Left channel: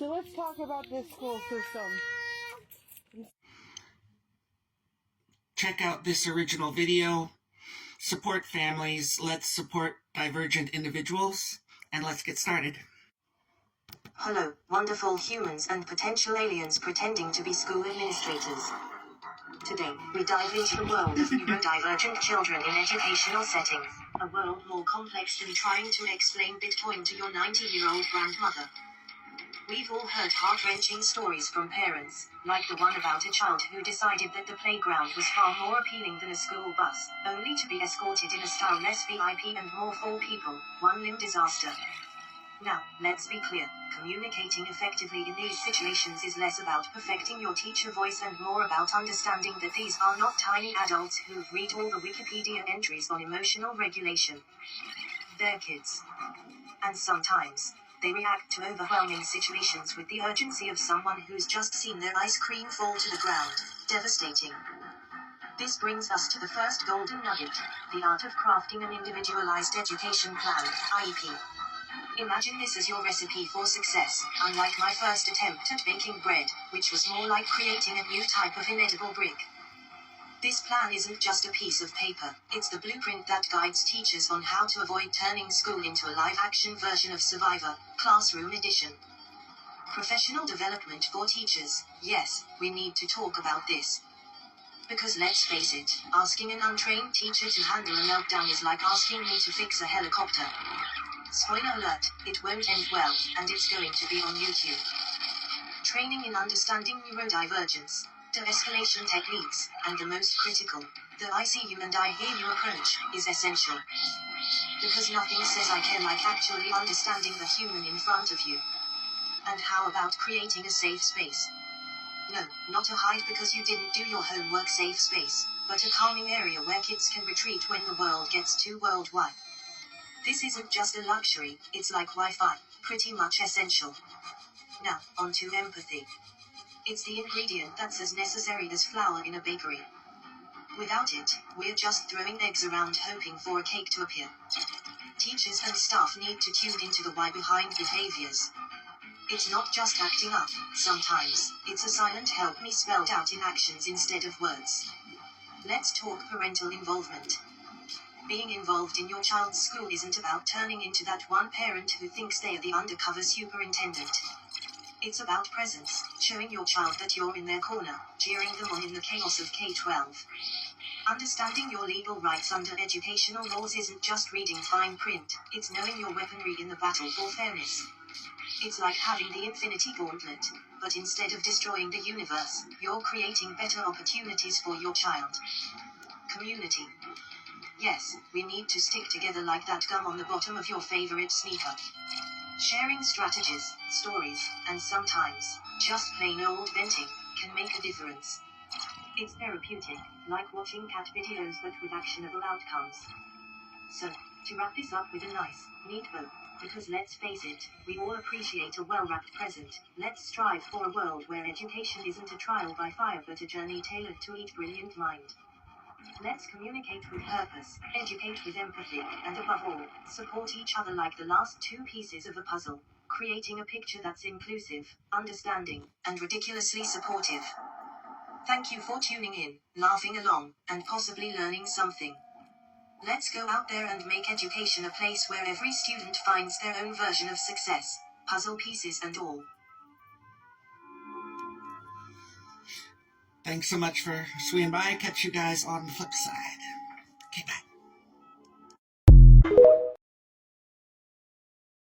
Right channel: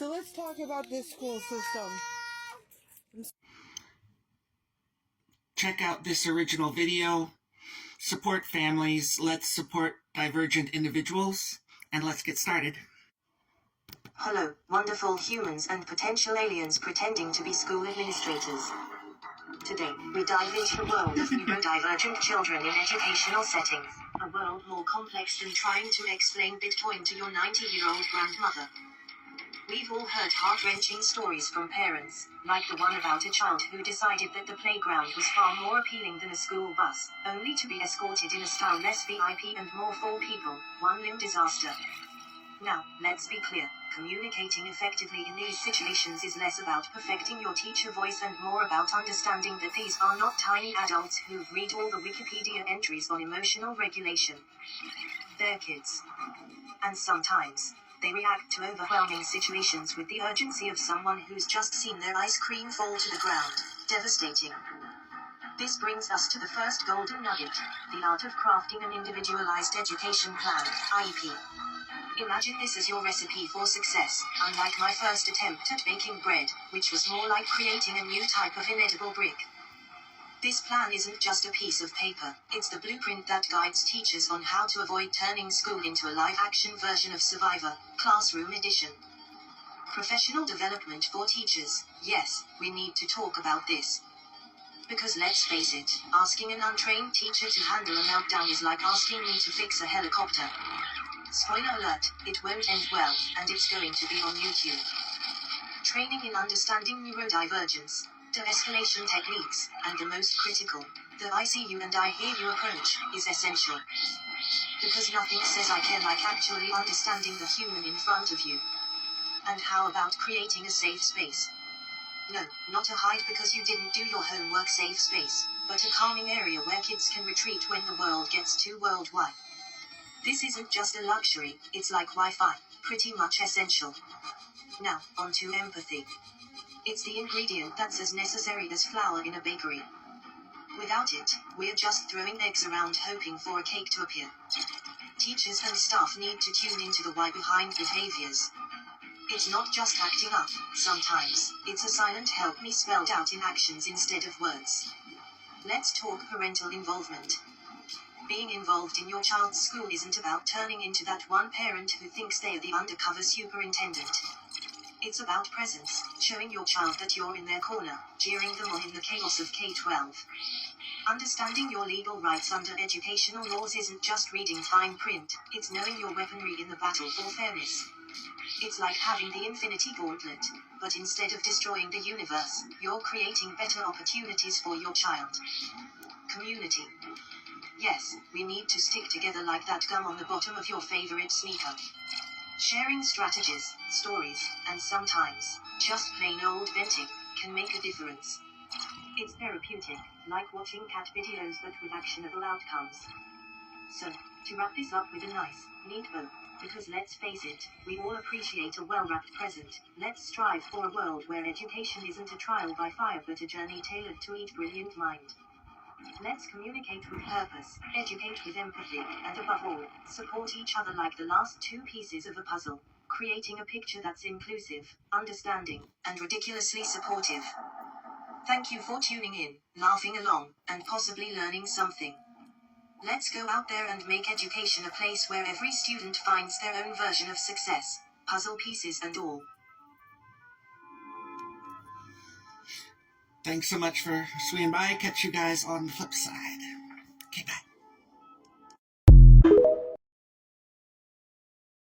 So let's talk about this school system. Check out this original video. Support families. Let's support divergent individuals. And let's get started. Hello, wonderful humans and potential aliens pretending to be school administrators. Today, we dive into the world of neurodivergent children in educational settings. A world more complex than trying to explain Bitcoin to your 90-year-old grandmother. We've all heard heart-wrenching stories from parents, like the one about a child who decided that the playground was far more appealing than a school bus, only to be escorted in a style less VIP and more for people, one-limb disaster. Now, let's be clear, communicating effectively in these situations is less about perfecting your teacher voice and more about understanding that these are not tiny adults who've read all the Wikipedia entries on emotional regulation. They're kids. And sometimes, they react to overwhelming situations with the urgency of someone who's just seen their ice cream fall to the ground. Devastating. This brings us to the first golden nugget, the art of crafting an Individualized Education Plan, IEP. Imagine this as your recipe for success, unlike my first attempt at baking bread, which was more like creating a new type of inedible brick. This plan isn't just a piece of paper, it's the blueprint that guides teachers on how to avoid turning school into a live-action version of Survivor, Classroom Edition. Professional development for teachers, yes, we need to talk about this. Because let's face it, asking an untrained teacher to handle a meltdown is like asking me to fix a helicopter. Spoiler alert, it won't end well, and it's going to be on YouTube. Training in understanding neurodivergence, de-escalation techniques, and the most critical, the I see you and I hear you approach, is essential. Because nothing says I care like actually understanding the human in front of you. And how about creating a safe space? No, not a hide because you didn't do your homework safe space, but a calming area where kids can retreat when the world gets too worldwide. This isn't just a luxury, it's like Wi-Fi, pretty much essential. Now, on to empathy. It's the ingredient that's as necessary as flour in a bakery. Without it, we're just throwing eggs around hoping for a cake to appear. Teachers and staff need to tune into the why behind behaviors. It's not just acting up, sometimes, it's a silent help me spelled out in actions instead of words. Let's talk parental involvement. Being involved in your child's school isn't about turning into that one parent who thinks they're the undercover superintendent. It's about presence, showing your child that you're in their corner, cheering them on in the chaos of K-12. Understanding your legal rights under educational laws isn't just reading fine print, it's knowing your weaponry in the battle for fairness. It's like having the Infinity Gauntlet, but instead of destroying the universe, you're creating better opportunities for your child. Community. Yes, we need to stick together like that gum on the bottom of your favorite sneaker. Sharing strategies, stories, and sometimes, just plain old venting, can make a difference. It's therapeutic, like watching cat videos but with actionable outcomes. So, to wrap this up with a nice, neat bow, because let's face it, we all appreciate a well-wrapped present, let's strive for a world where education isn't a trial by fire but a journey tailored to each brilliant mind. Let's communicate with purpose, educate with empathy, and above all, support each other like the last two pieces of a puzzle, creating a picture that's inclusive, understanding, and ridiculously supportive. Thank you for tuning in, laughing along, and possibly learning something. Let's go out there and make education a place where every student finds their own version of success, puzzle pieces and all. Thanks so much for swinging by. Catch you guys on the flip side. Okay, bye.